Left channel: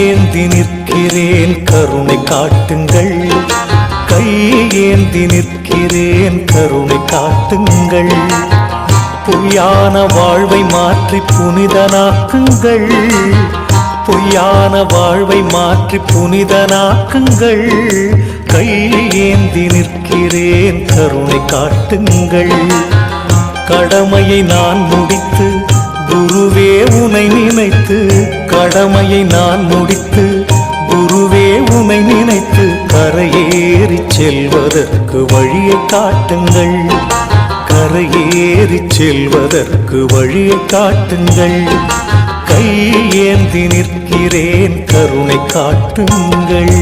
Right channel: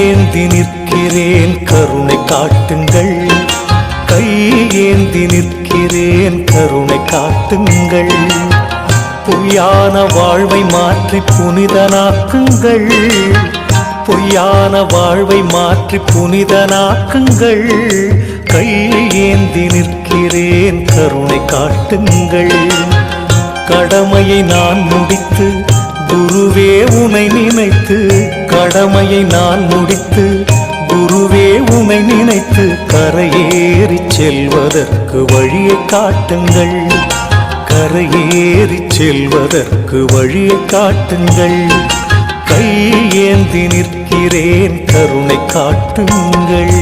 ஏந்தி நிற்கிறேன் கருணை காட்டுங்கள், கை ஏந்தி நிற்கிறேன் கருணை காட்டுங்கள். பொய்யான வாழ்வை மாற்றி புனிதனாக்குங்கள், பொய்யான வாழ்வை மாற்றி புனிதனாக்குங்கள். கை ஏந்தி நிற்கிறேன் கருணை காட்டுங்கள். கடமையை நான் முடித்து குருவே உனை நினைத்து, கடமையை நான் முடித்து குருவே உனை நினைத்து கரையேறி செல்வதற்கு வழியை காட்டுங்கள், கரையேறி செல்வதற்கு வழியை காட்டுங்கள். கை ஏந்தி நிற்கிறேன் கருணை காட்டுங்கள்.